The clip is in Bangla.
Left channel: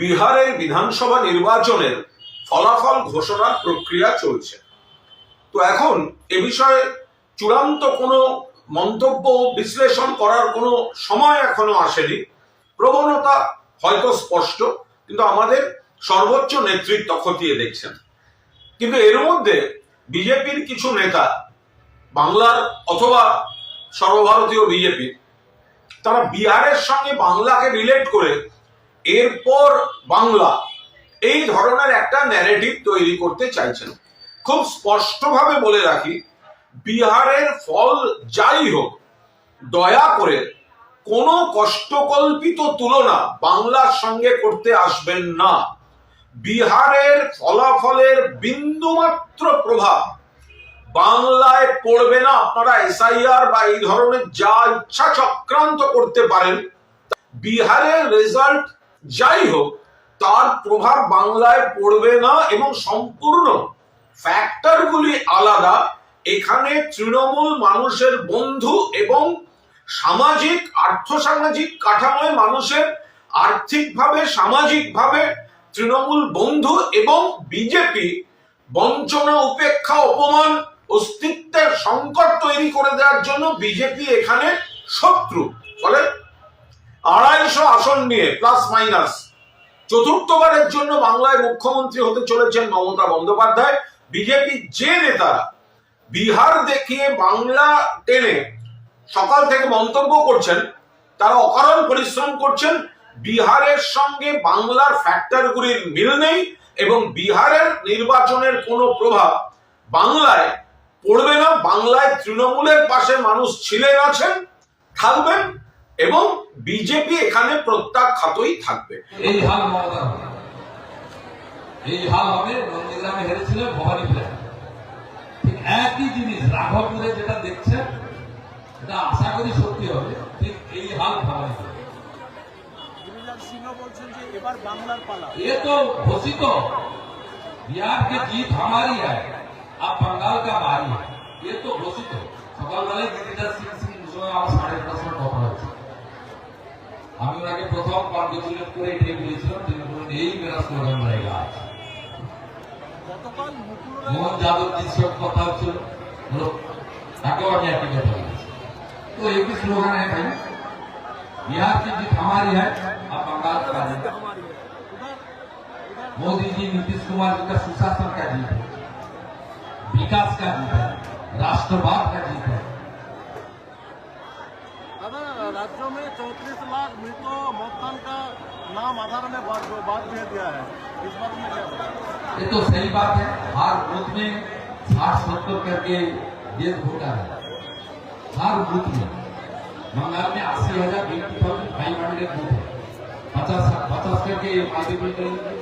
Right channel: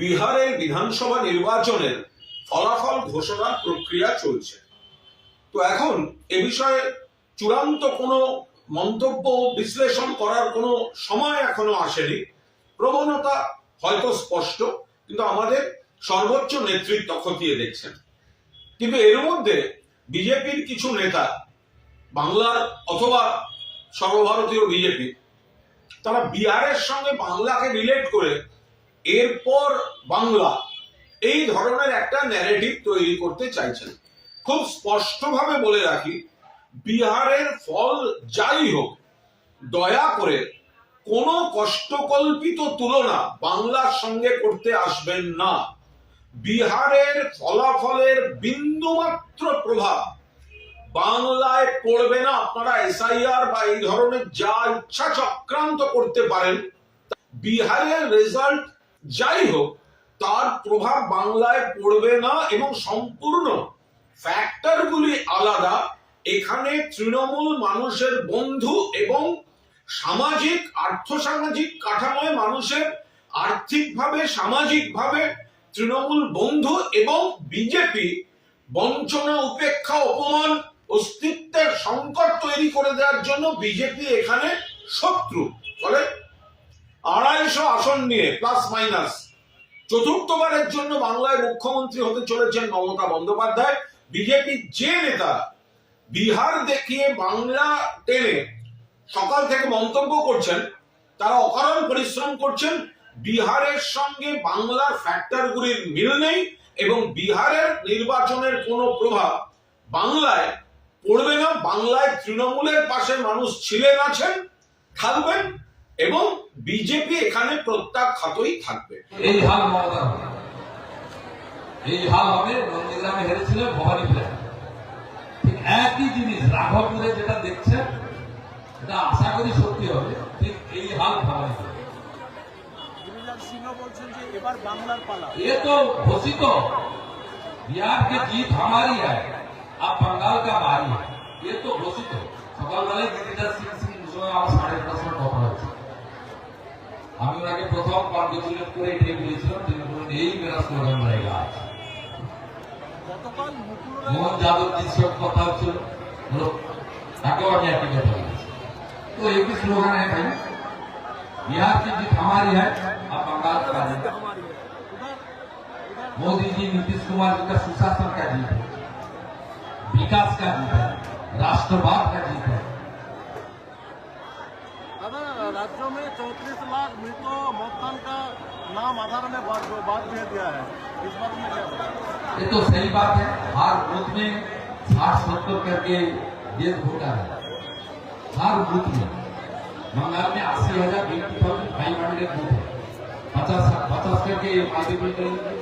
বিহারের বিধানসভা নির্বাচনের ফলাফল ঘোষণার প্রক্রিয়া চলছে। তো এখন এ বিষয়ে চূড়ান্ত কোনো মন্তব্য বিশ্লেষণ করার কোনো সময় এখনও আসেনি। প্রবণতা হয়তো স্পষ্ট, কিন্তু আমাদের সর্বোচ্চ নেতৃত্ব খতিয়ে দেখছেন। কিন্তু এর মধ্যে বিজেপির কিছু নেতা, বাংলার অথবা সর্বভারতীয় বিজেপি, তারা বিহারের সঙ্গে বাংলাকে রিলেট করে এরপর বাংলা এই ধরনের একটা ন্যারেটিভ তৈরি করতে চাইছেন। খুব স্পষ্টভাবে বলে রাখি, বিহারের ফল যাই হোক, দয়া করে কোনো কষ্টকল্পিত তুলনা বাংলার সঙ্গে করতে আসবেন না। বিহারের ফলাফলের বিন্দুমাত্র প্রভাব বাংলায় পড়বে না। আপনারা এসআইআর বা এই ধরনের যা ইচ্ছা চক্রান্ত করতে পারেন, বিহারের রেজাল্ট যাই হোক তার প্রভাব বাংলায় পড়বে না এবং সম্পূর্ণ ফ্যাক্টরগুলি আলাদা। এখানে তৃণমূল মানুষের বন্ধু এবং সামাজিক, আর্থসামাজিক কাঠামোয় মানুষের আর্থিকভাবে, সামাজিকভাবে তৃণমূল বন্ধু এবং বিজেপি বঞ্চনা, উপেক্ষা, অপমান, অস্তিত্বের সংকট তৈরি করে দেওয়ার জন্য বিজেপি এখানে শত্রু। আড়াইশো আসন নিয়ে প্লাস মাইনাস চতুর্থবারের জন্য বাংলায় মুখ্যমন্ত্রী হতে চলেছেন মমতা বন্দ্যোপাধ্যায়। বিজেপি যে নেতারা বিহার দেখিয়ে বাংলা টেনে সকাল থেকে মন্তব্য করছেন, তারা অকারণ পরিশ্রম করছেন। বিহারের সঙ্গে বাংলার ফ্যাক্টরগুলির মিল নেই এবং বিহারের নির্বাচনের কোনো প্রভাব বাংলায় পড়বে না। বাংলায় তৃণমূলের পাশে মানুষ ছিলেন, আছেন, থাকবেন এবং বিজেপি এখানে প্রত্যাখ্যাতই থাকবে এই হাল মমতা হবে এই হাল হবে নন্দীগ্রামে হেরেছিলেন ভবানী ফ্ল্যাট ঠিক একই জিনিস রাঘবপুরে যেটা দেখছেন এটা আশা করি সত্যি হবে ঠিক এই হাল ভবানী ফ্ল্যাট गिरिराज सिंह বলছেন যে এবার বাংলার পালা ये तो घोषित हो बिहार की जीत हमारी है अब बंगाल का भारी है ये तो घोषित हो সকালবেলায় গিরিরাজ সিং সিং সময় আমার সাড়ে নটার সময় কথা হয়েছে আমি ওনাকে প্রথম কনগ্রেচুলেট করে এটাই বলেছিলাম তিনি বললেন এই মেরা স্লোগান रहेगा आज গতকাল মুকুল মোহন রায় যাদবজির সঙ্গে কথা হচ্ছিল বলো তাকেও আমি একই কথা বলেছি तो एक ही स्लोगन है भाई बिहार की जीत हमारी है अब बंगाल का जीत हमारी है उधर उधर मोदी जी नीतीश कुमार जी का सुशासन का जीत है विकास का जीत है राष्ट्रवाद का जीत है दादा राज्यों में चौंतीस लाख मृत मतदान का नाम आधार में बात बात भेज दिया है। इस बात में क्या ये तो सही बात है। हर बूथ में साठ सत्तर करके देश वोटर है। हर बूथ में। बंगाल में अस्सी हज़ार फाइव हंड्रेड बूथ है। पचास पचास करके मल्टीपल करेंगे।